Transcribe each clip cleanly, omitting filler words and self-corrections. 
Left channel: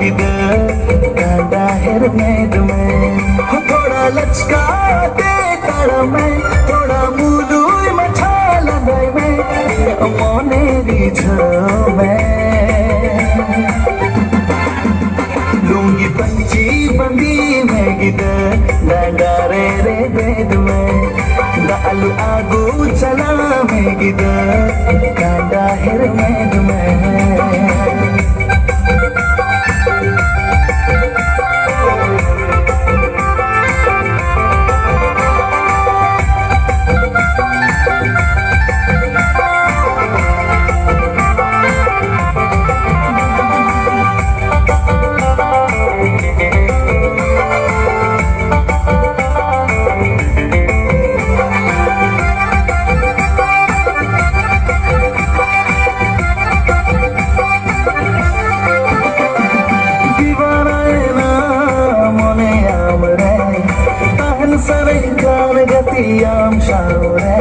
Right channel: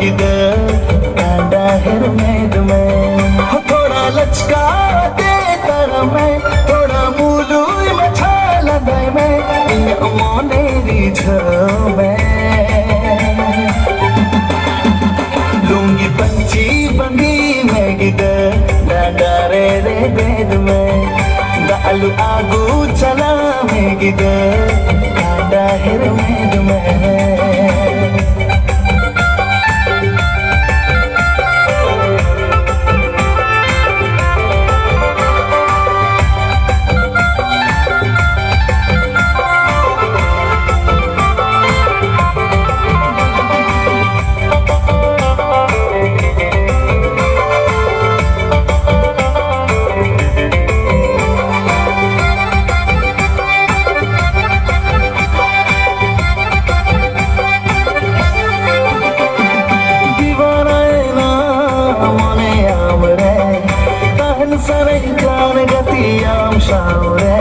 गिदे कांदा हिर में तुम्हें थोड़ा लचका दे तारा में थोड़ा मूलू मछा लगाए में मोने रिझ में लूंगी पंची बंदी में गिदे डांडा रे बेद में दालू आगू चला में गिदे कांदा हिर में Sarengkan gatiam shaure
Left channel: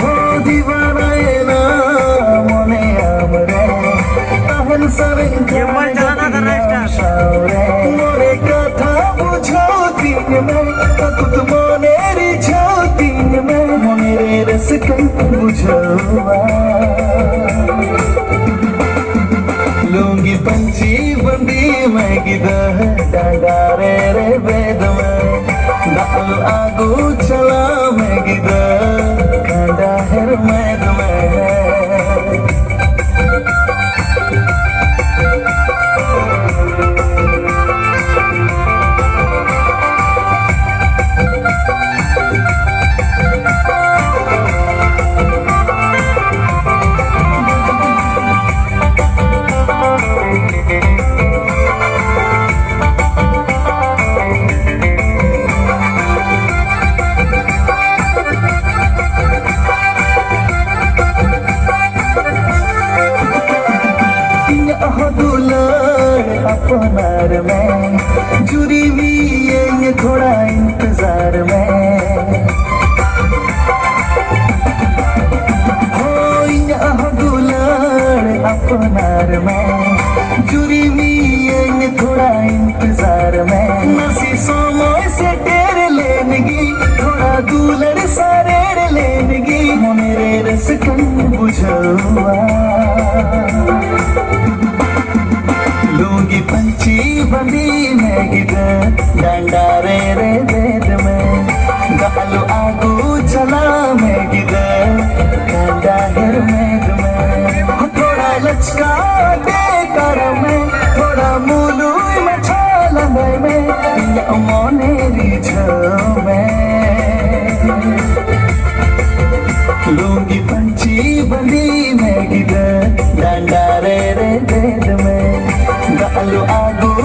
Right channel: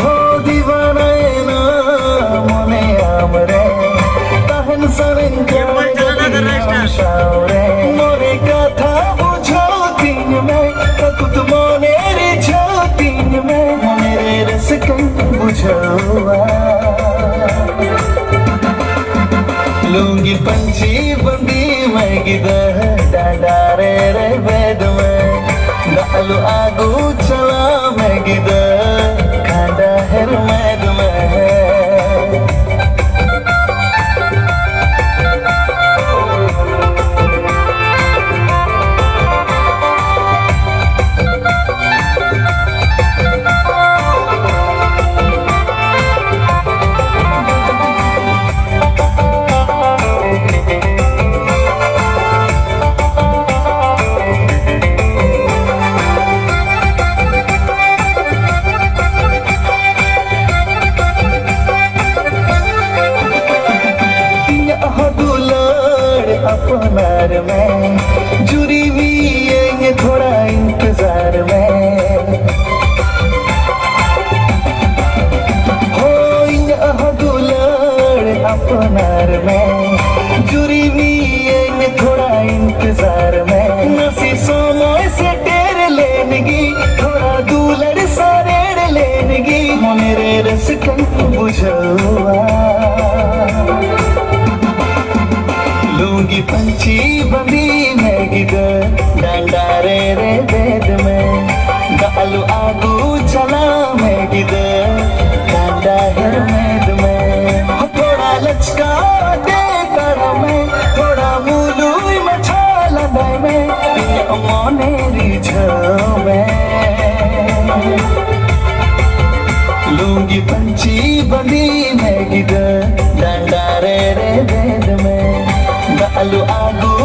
ho diwana na mone amre tahan sarengkan gatiam shaure more katha bujho din mein tut mone rijho din mein mere raskan bujhowa लूंगी पंची बंदी मैं गिदर डांडा रे बेद में दालू आगू चला मैं गिदर कांदा हिर मैद में अपनार में जुरी भी ये थोड़ा इंतजार में हो यहाँ दुलार अपनार में जुरी भी ये थोड़ा इंतजार में नसी समय से टेर लेनगी थोड़ा दूलर सारेर लेनगी मेरे रसकन बुझवा लूंगी पंची बंदी मैं गिदर डांडा रे बेद में दालू आगू चला मैं गिदर कांदा हिर मेद में थोड़ा लचका दे तारा में थोड़ा मूलू मछा लगाए में मोने रिझ में लूंगी पंची बंदी मैं गिदर डांडा रे बेद में दालू आगू